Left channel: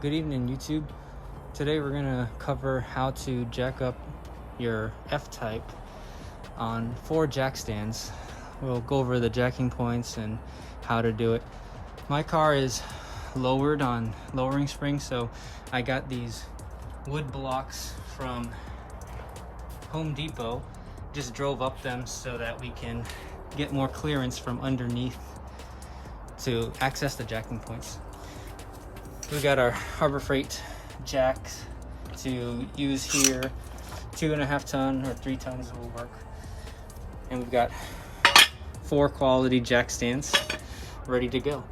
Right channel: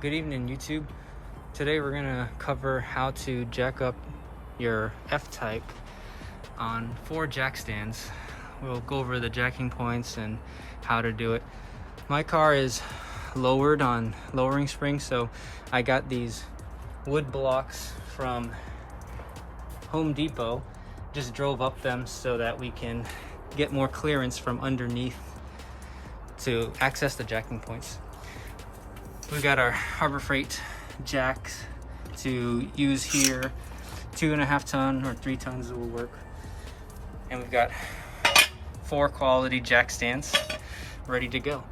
Good evening, YouTube. Today we're gonna cover how to jack up your F-Type on 4 jack stands. We'll go over the jacking points and how to do it. My car is lowered on lowering springs, so I got these wood blocks from Home Depot. Just drove up them so that we can get more clearance from underneath to access the jacking points. We got our Harbor Freight jacks to use here. 2.5 ton or 3 tons will work. And we've got 4 quality jack stands ready to go.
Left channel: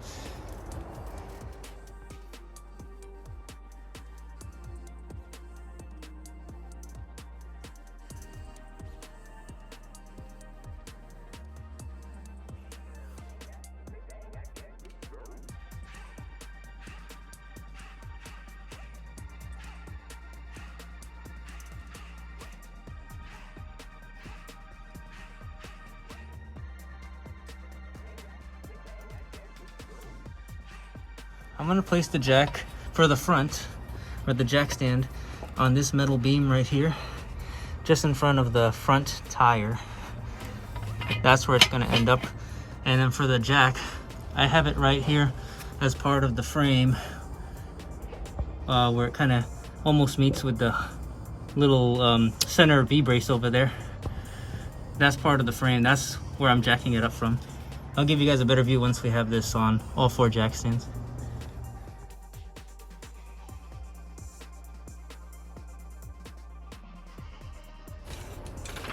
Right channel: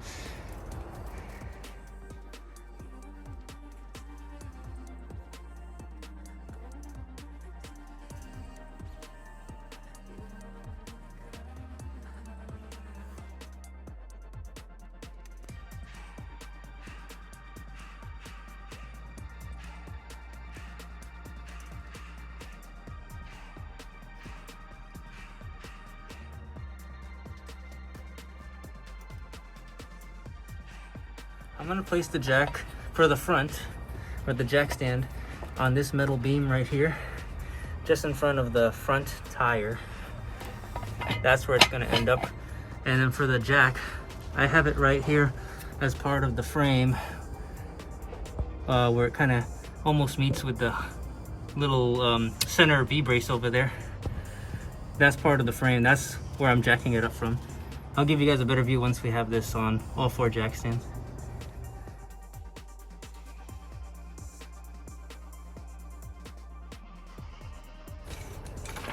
I'm gonna place the jack for the front, or the jack stand, on this metal beam right here, just in front of the front tire. That's where it's gonna end up. And then for the jack, I have it right here as part of the frame, where it kind of almost meets with the little center V-brace over there. That's part of the frame. That's where I'm jacking it up from. I'll give you guys a better view once we have this on all 4 jack stands.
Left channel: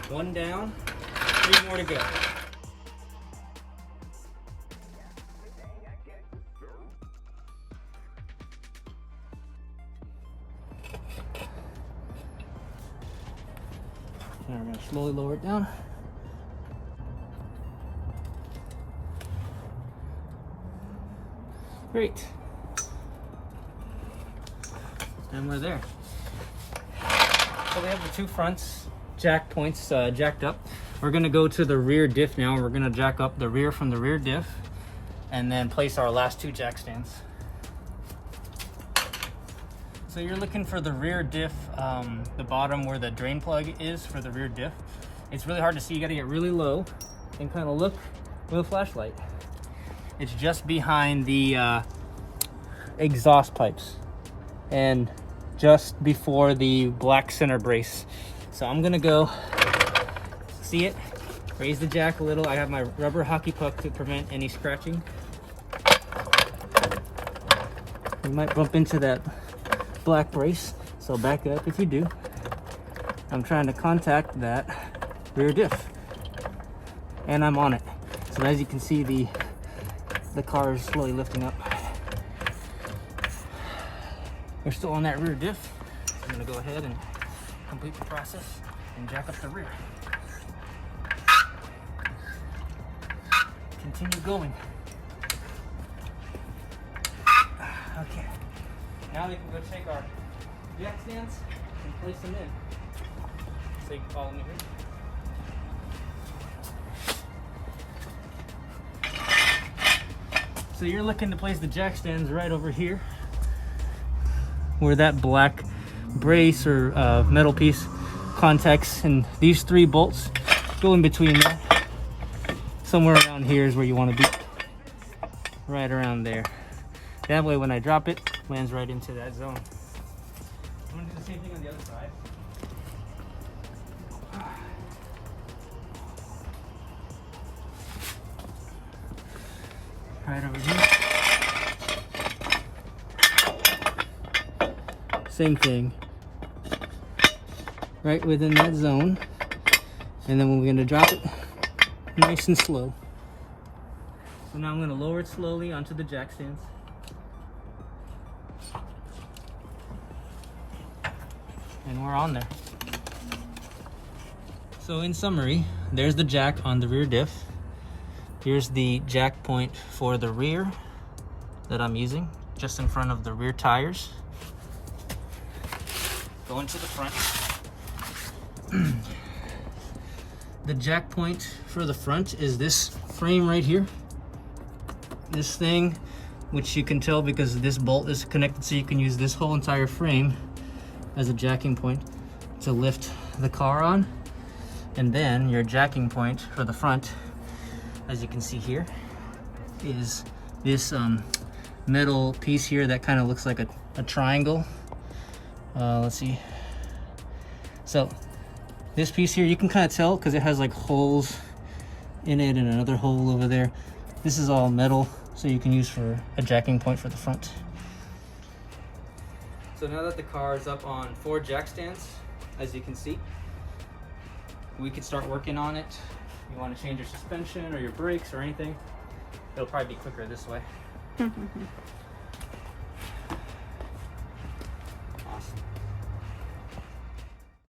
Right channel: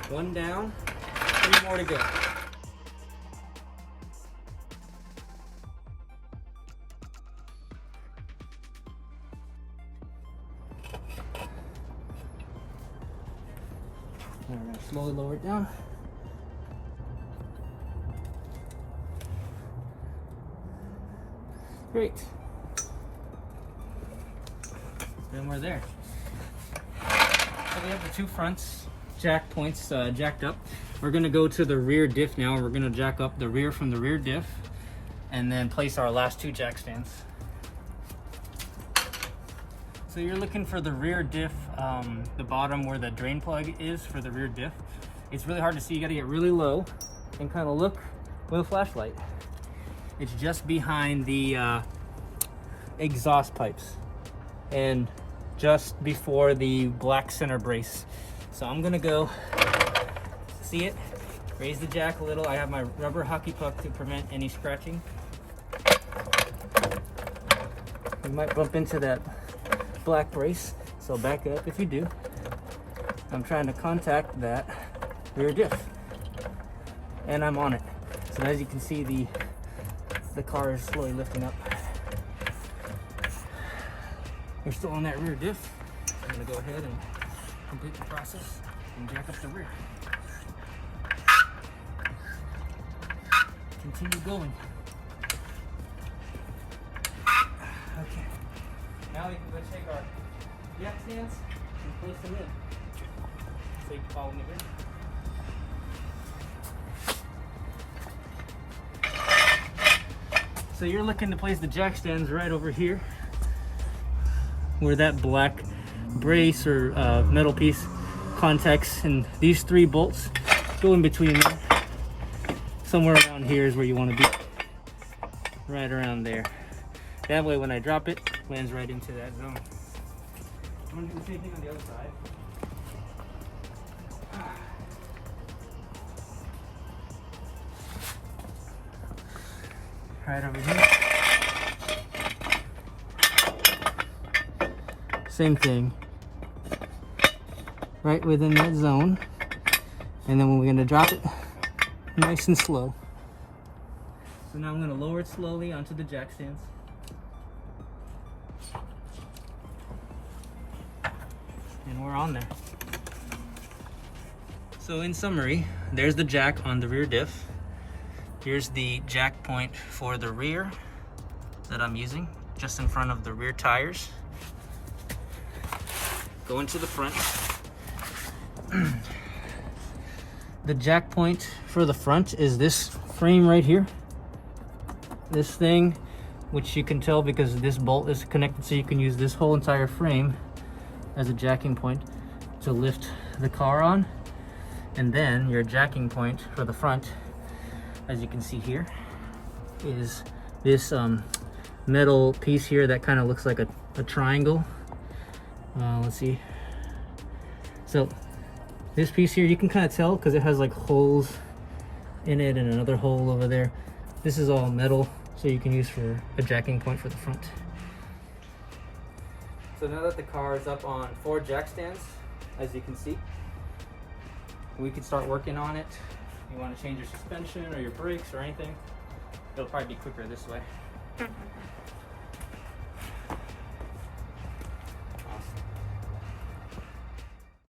One down, 3 more to go. Now we're going to slowly lower it down. Great. Then we're there. So we have the 2 fronts jack points jacked up. We're going to go to the rear diff now, and we're going to jack up the rear from the rear diff and then place our last 2 jack stands. So you're looking for the rear diff, the bottom where the drain plug is for the rear diff. It's really hard to see. You got to get really low and kind of look with a flashlight. It's just behind the exhaust pipes and just before the black center brace. So I'm gonna go see it, raise the jack a little. I have my rubber hockey puck to prevent any scratching. You might bump into that black brace, so back up if you do. I'm trying to contact that rear diff, and I'm on it. So as you can see, the car is slowly lifting up. We're still on that rear diff. I'm gonna go ahead and complete the process and jack up the rear. Continue going. Okay. Now we can go take our jack stands and place them in. So you can follow me here. So you're looking to place the jack stands right over here, where that black brace or metal piece contacts, and these 3 bolts go in between them. Somewhere around here is where you want to be, right around there. That way when I drop it, it lands right into that zone. I'm going to do the same thing on the other side. Right over here. Same thing. Right within that zone. And then we're going to drop it nice and slow. So now I'm going to lower it slowly onto the jack stands. And we're on there. So in summary, there's the jack on the rear diff. Here's the jack point for the rear that I'm using, just in front of the rear tires. Going to the front. The jack point for the front is this frame right here. This thing which you can tell because this bolt is connected, so you can use this whole entire frame as a jacking point to lift the car on. And then your jacking point for the front, as you can see here, is this metal piece here that kind of looks like a triangle. Let's see. So this piece here, you can kind of tell because it has like holes in it and another hole over there. This is all metal, so you can use for a jacking point for the front. So now that the car is up on 4 jack stands, as you can see, we can start working on it. You want to change your suspension or your brakes or anything, it'll probably be quicker this way.